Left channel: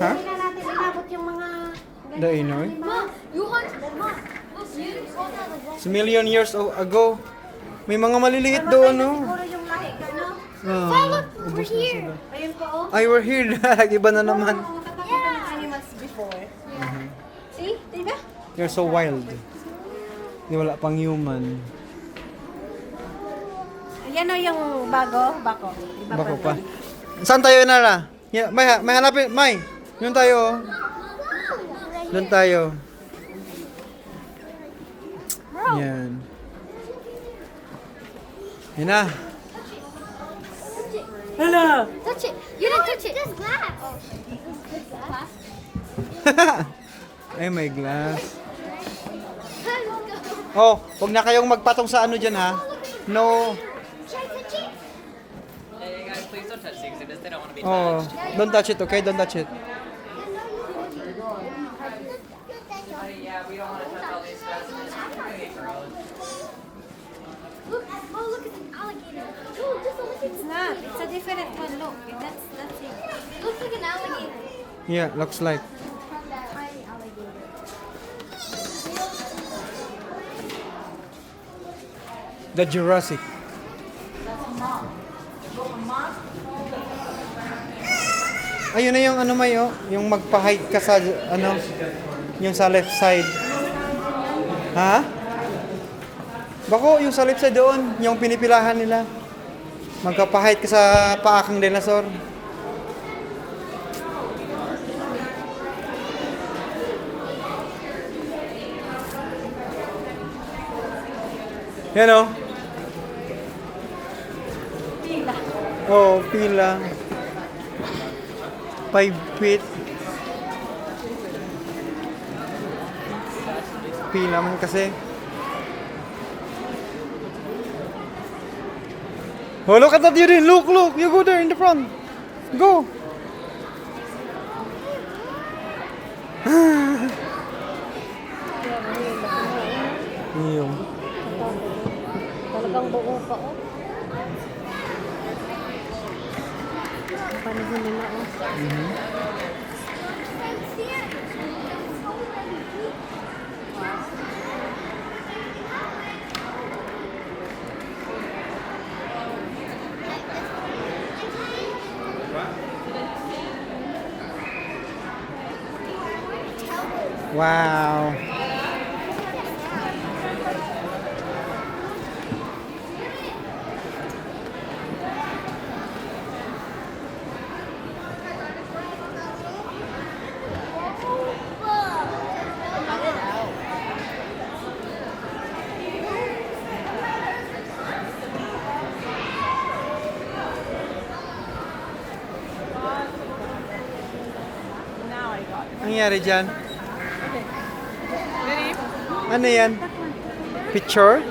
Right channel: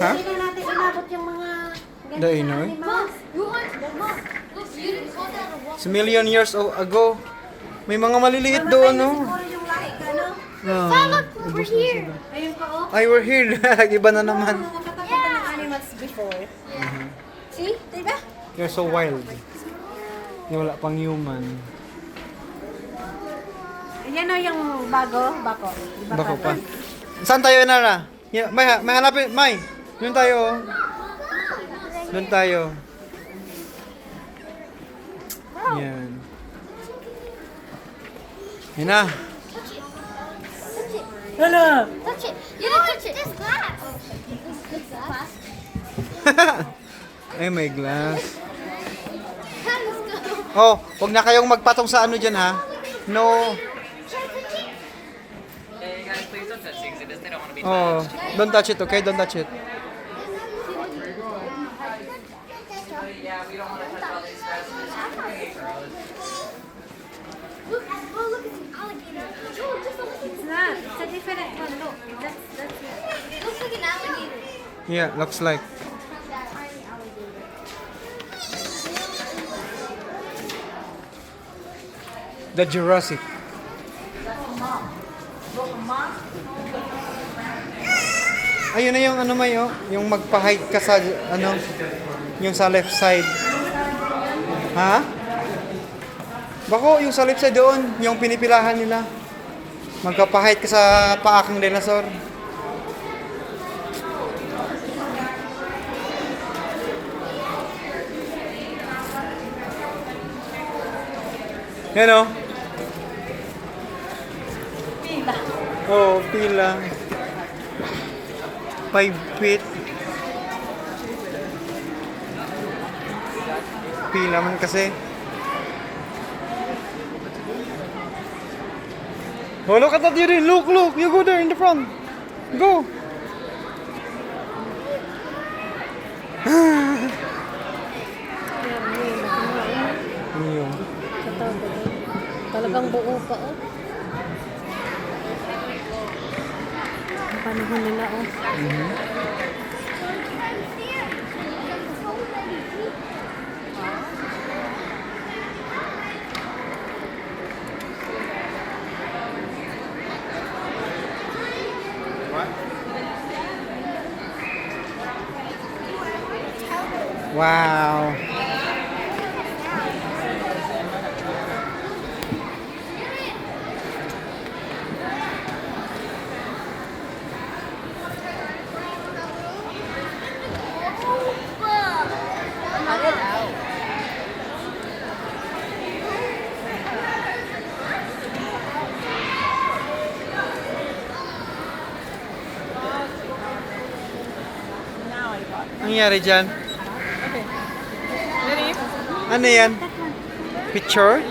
Ha? Hindi na natin inabot yung mga Dainoy? animals. It's a million years ago. May mga maliliit doon, no? Siguro yung lahi, ano? Ubus na sila. Ayun pa, oh. Ay, we're here. Iba na naman. Nakakatakutan ng animals before. See? Diba? They're so wild. Wala pang human. Yan o yung bago. Bako. Iba Bako pa. Saan tayo, Inara? May hanapin. May. Doon tayo. Oh. Doon tayo. Yan. Yan na. Ano? Touch it. You didn't touch it. There's glass. There's glass. Ay, may glass. Oh, wag na kayong magpatong sa ano dyan, ha? No. Oh, don't touch it, okay? Don't touch it. Look, oh look, it's an alligator. Oh, just look at It's not. It's a different one. Look. That's it. Looks like an alligator. Yeah, looks like. Tiny alligator. The Jurassic. Ayun na yung ano may oh, yung magpa-hike ka sa ano, yung sa left side. Ha? Bako, yung sa left side doon, yung pinipilahan nila. Magpa-hike ka sa paakang dinosaur. Yan oh. Pila. Oh, pila. 5 feet. Pila man kasi. Oh, look at that, Yuri. Look. You go there in the front. Go. Yung. Talagang buo pa, oh. Panahon nila, oh. Wow. Ang nangyari dyan? Ano yan? Picture?